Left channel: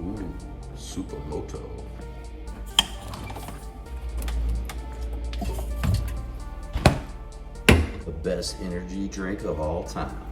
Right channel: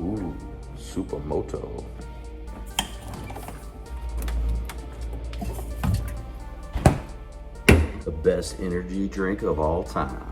Ooh, Supermoto. The best energy drink of all time.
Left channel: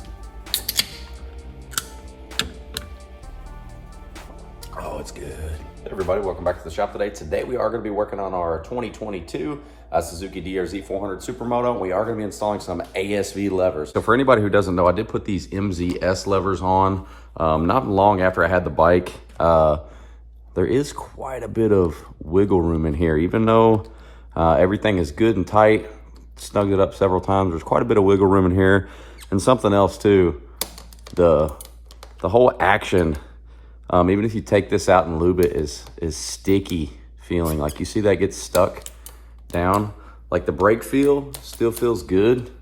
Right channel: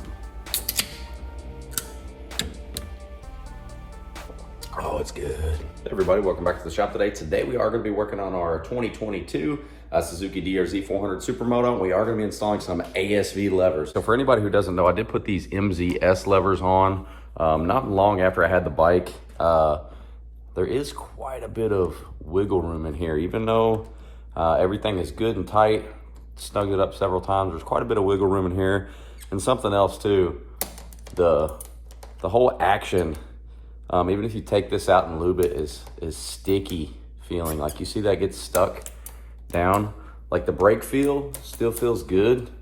Oh, it's good. Hey everybody, welcome back to the shop today. Today we are going to be working on our 2022 Suzuki DRZ400 Supermoto. We are going to be installing some ASV levers. So for anybody who doesn't know, I did put these MZS levers on not long after I had the bike. There is quite a bit of wiggle room in here, even though everything is good and tight. Snugged it up several times. There's quite a bit of wiggle room in here. And something else too, the whole action, even if you take this out and lube it, is sticky feeling. Like you see that gets stuck down. Like the brake feel still feels good,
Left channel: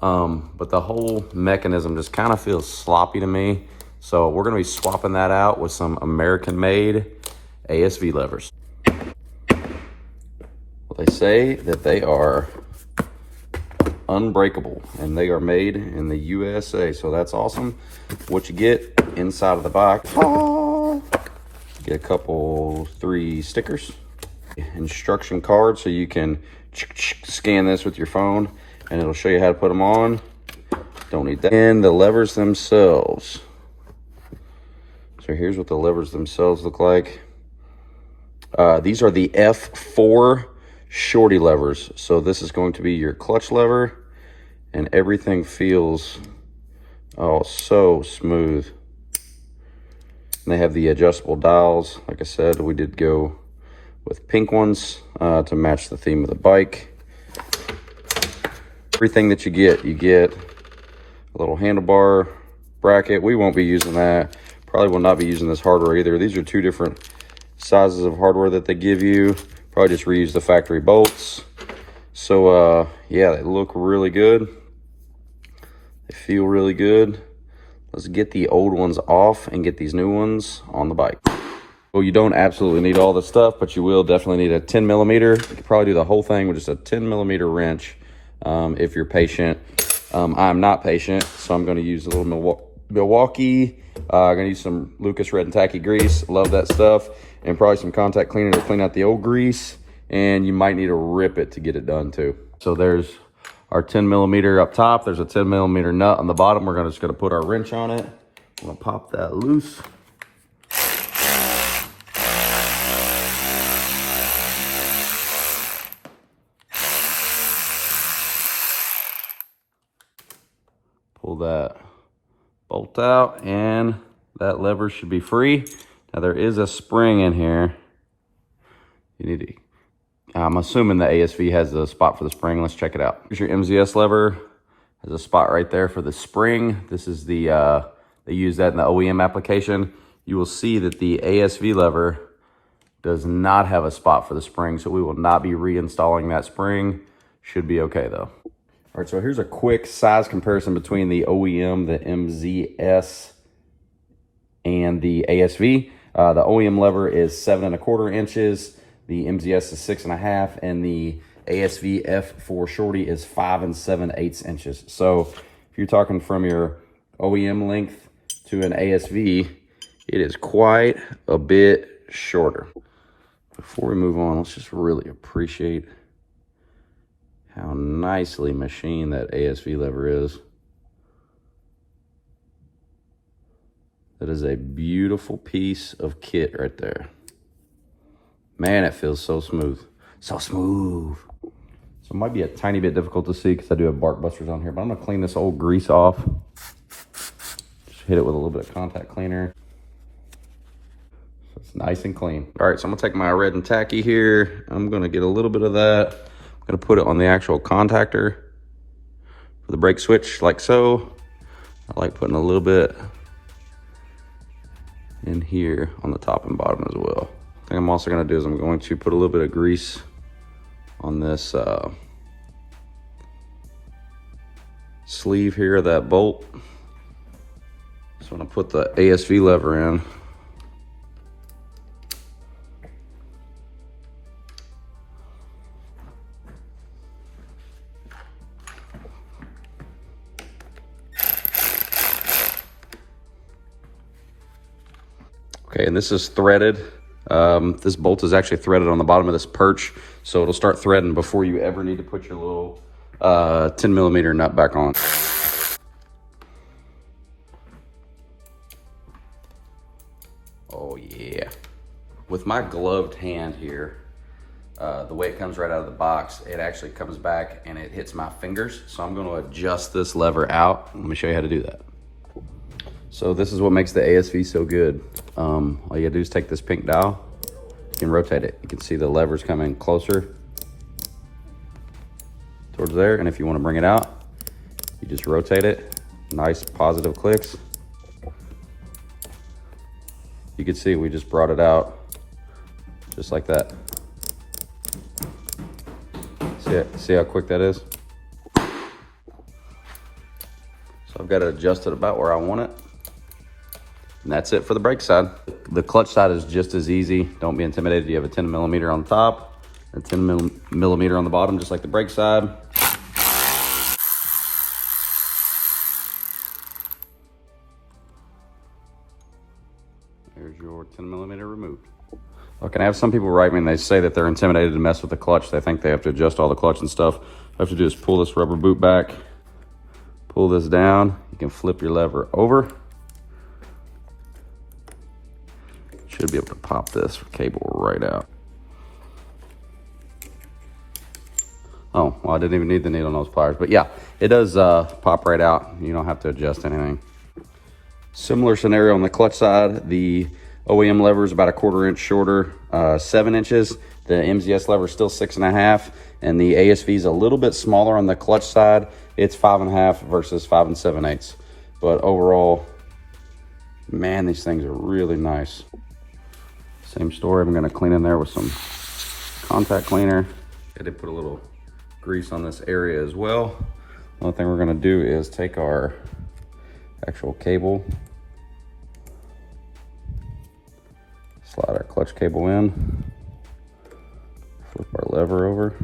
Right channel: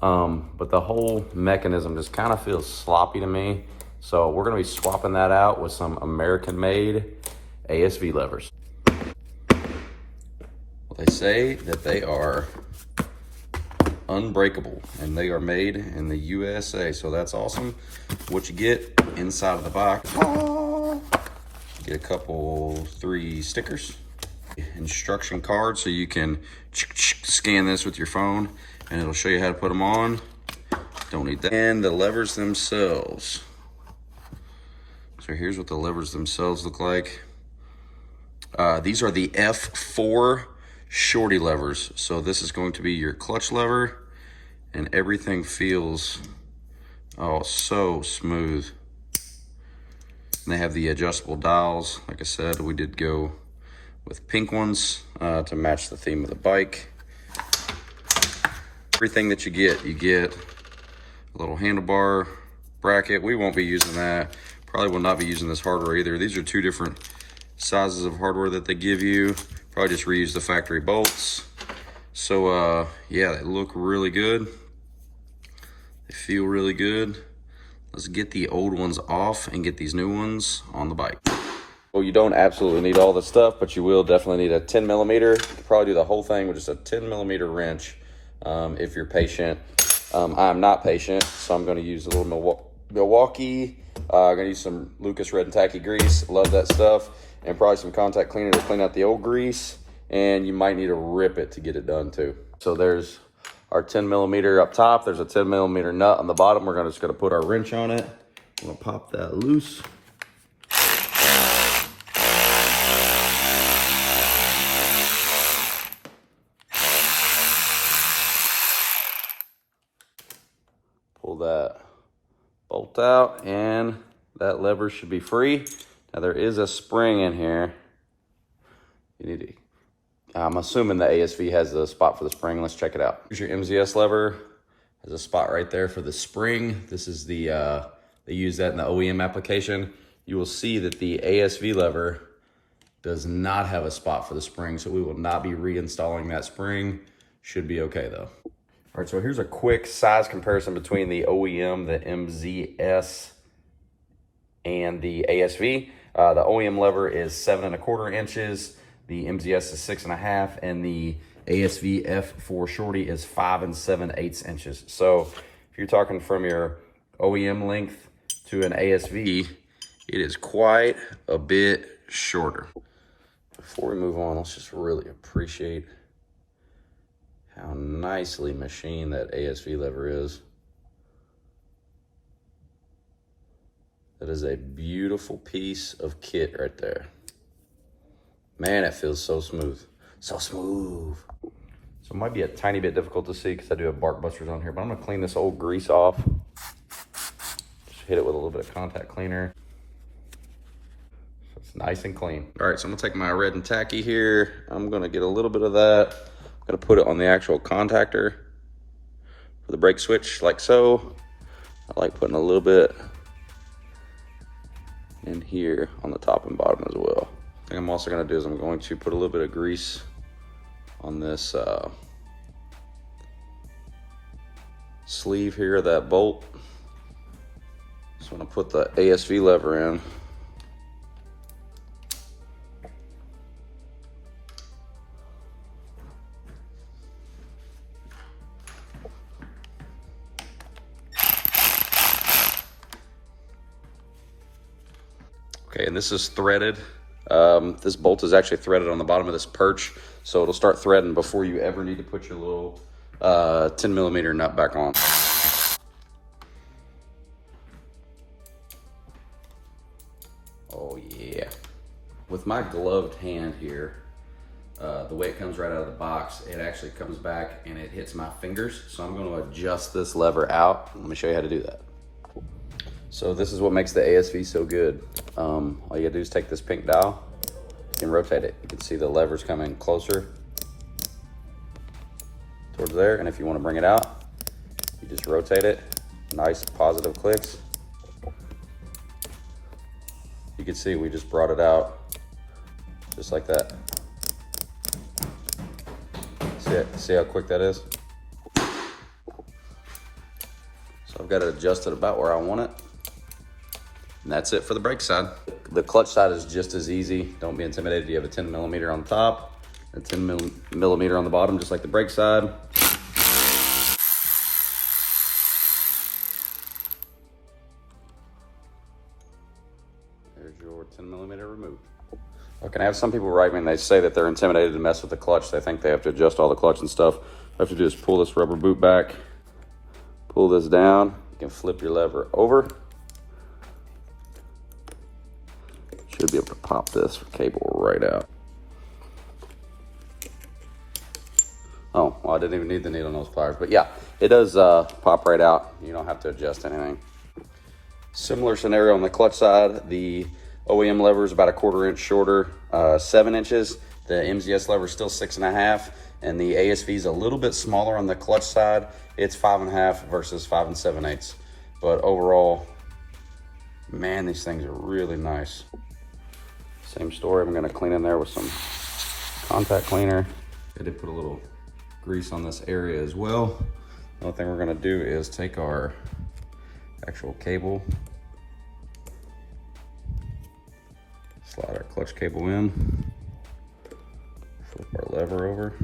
but the whole mechanism just kind of feels sloppy to me. So we're gonna be swapping that out with some American-made ASV levers. Well, they say that they are unbreakable and they are made in the USA, so that's awesome. What you get inside of the box, you get a couple, 3 stickers, instruction card, so you can scan this with your phone and it'll show you how to put them on. Don't need that. And the levers themselves. So here's what the levers themselves look like. These are the F4 shorty levers. So this is going to be your clutch lever, and everything feels so smooth. And they have the adjustable dials. Like I said, we did go with pink ones to match the theme of the bike. Everything that you get a little handlebar bracket. We won't be using that. Probably will not be using this hardware either. These are 2 different sizes of hardware that they give you. Probably just reuse the factory bolts. So yeah, they look really good. They feel really good. Let's get the old ones off and get these new ones on the bike. Well, you don't absolutely need all this stuff, but you will definitely need a 10 millimeter. You could probably do the whole thing with just a 10 millimeter wrench if you're patient. I'm not patient, so I'm going to use a little Milwaukee. I'm going to use some Lucas Red and Tacky grease. Love that stuff. And probably some contact cleaner to clean out the old grease. And you might need to rip it to get it done too. So there's our 10 millimeter up top. There's a 10 millimeter nut on the bottom. We're just going to put our wrench on it. We'll pop that loose. Pull that bolt out and that lever should be free. Now there is a spring in here. You need to, I'm assuming the ASV has the spot for the spring. Let's check it out. Here's your MZS lever. There's a spot right there for the spring. This is the, they use that in the OEM application. You will see that the ASV lever does not have a spot for the spring, so we will not be reinstalling that spring. Should be okay though. All right, so here's a quick size comparison between the OEM, the MZS, and the ASV. The OEM lever is 7¼ inches, the MZS is 6½, and the ASV F4 shorty is 5 7/8 inches. So if you're talking from your OEM length to an ASV, it is quite a bit shorter. Before we move on, let's just really appreciate how nicely machined that ASV lever is. That is a beautiful piece of kit right there. Man, it feels so smooth. So smooth. So it might be a tiny bit difficult to see because I do have bark busters on here, but I'm gonna clean this old grease off. Just hit it with a little bit of contact cleaner. So it's nice and clean. All right, so I'm gonna take my red and tacky here. I'm gonna get a little bit of that. I'm gonna put it on the actual contactor for the brake switch, like so. I like putting a little bit in here on the top and bottom as well. What I'm also gonna do is I'm going to put a little bit of grease on this sleeve here of that bolt. So I'm gonna put the ASV lever in. Okay, and this is threaded. This bolt is actually threaded on the bottom of this perch, so it'll start threading before you ever need to put your little 10mm nut back on. Oh yeah. With my gloved hand here, the way it comes right out of the box, it actually comes back and it hits my fingers. So I'm gonna adjust this lever out. Let me show you how to do that. So this is what makes the ASV so good. All you gotta do is take this pink dial and rotate it. You can see the levers coming closer towards there. And if you wanna bring it out, you just rotate it. Nice positive clicks. You can see we just brought it out just like that. See how quick that is? So I've got to adjust it about where I want it. And that's it for the brake side. The clutch side is just as easy. Don't be intimidated. You have a 10mm on top, a 10mm on the bottom, just like the brake side. Here's your 10mm removed. Okay, I have some people write me and they say that they're intimidated to mess with the clutch. They think they have to adjust all the clutch and stuff. All you have to do is pull this rubber boot back, pull this down. You can flip your lever over. Should be able to pop this cable right out. Oh, well, I didn't even need the needle nose pliers, but yeah, it does pop right out. You don't have to adjust anything. Similar scenario on the clutch side. The OEM lever is about 1/4 inch shorter, 7 inches. The MZS lever is still 6.5, and the ASV is a little bit smaller on the clutch side. It's 5.5 versus 5 7/8. But overall, man, these things are really nice. Same story. I'm gonna clean in there with some contact cleaner. I did put a little grease on this area as well. One thing we're gonna do is take our actual cable, slide our clutch cable in, flip our lever over,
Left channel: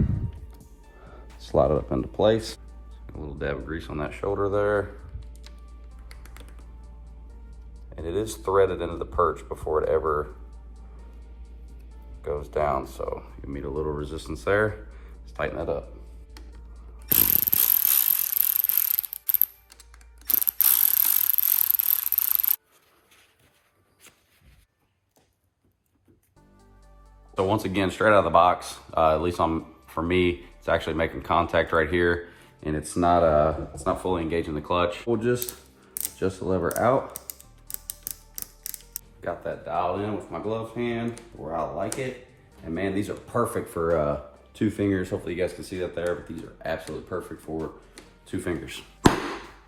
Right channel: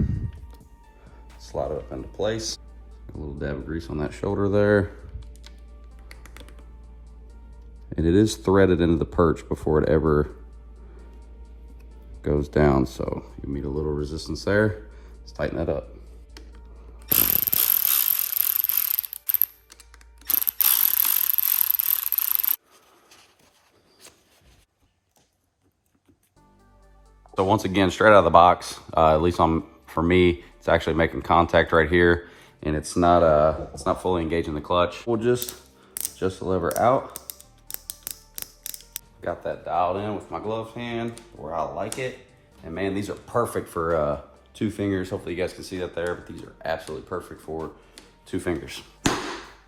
slide it up into place. A little dab of grease on that shoulder there. And it is threaded into the perch before it ever goes down, so you meet a little resistance there. Let's tighten that up. So once again, straight out of the box, at least for me, it's actually making contact right here, and it's not fully engaging the clutch. We'll just adjust the lever out. Got that dialed in with my gloved hand where I like it. And man, these are perfect for 2 fingers. Hopefully you guys can see that there, but these are absolutely perfect for 2 fingers.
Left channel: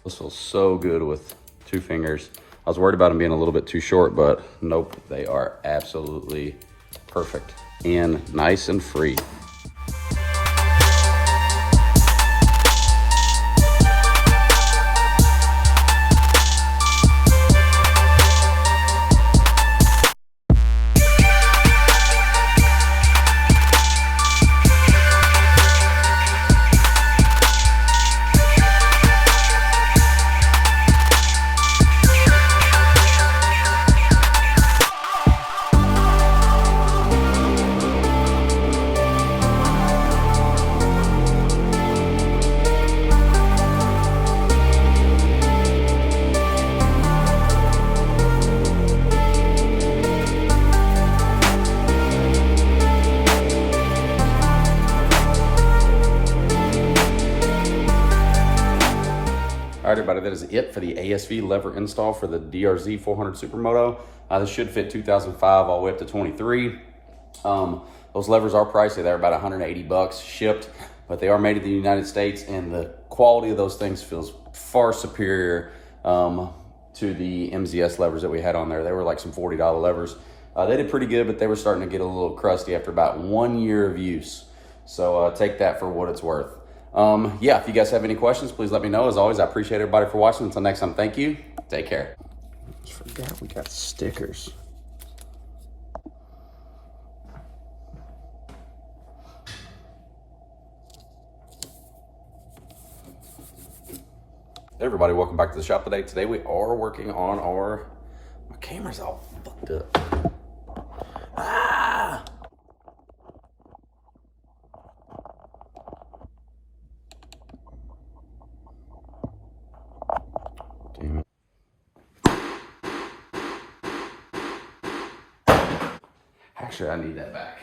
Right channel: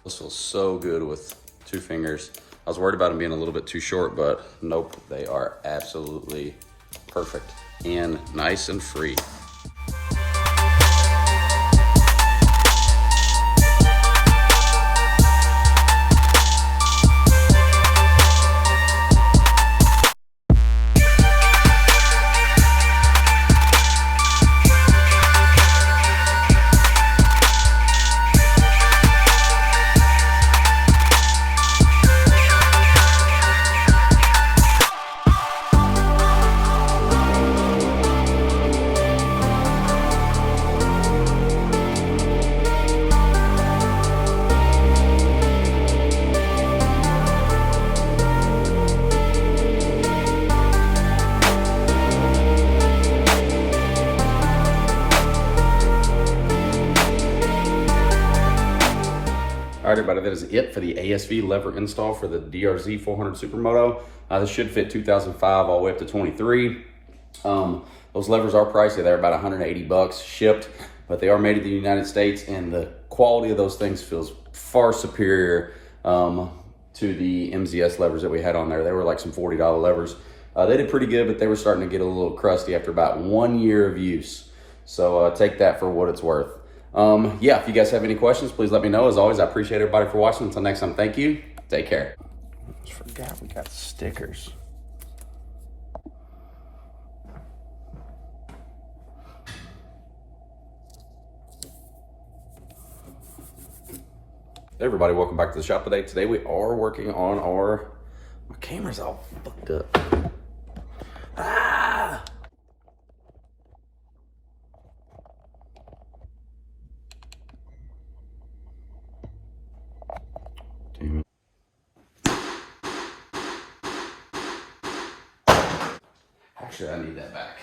This feels so good with 2 fingers. I was worried about them being a little bit too short, but nope, they are absolutely perfect and nice and free. All right, everybody, that is it for the ASV lever install for the DRZ400 Supermoto. This should fit 2005 all the way up to 23. Those levers are pricey. They're about 180 bucks shipped, but they are made in the United States, and the quality of those things feels far superior to the MZS levers that we had on there. They were like some $40 levers. They did pretty good, but they were starting to get a little crusty after about 1 year of use. So take that for what it's worth. Yeah, if you guys have any questions, please let me know. As always, I appreciate everybody for watching. Until next time, thank you. Take care. I forgot we got stickers. Hey everybody, welcome back to the shop today. Today we are working on our My camera's all fucked up. Ah! Damn it. Actually, I need that back.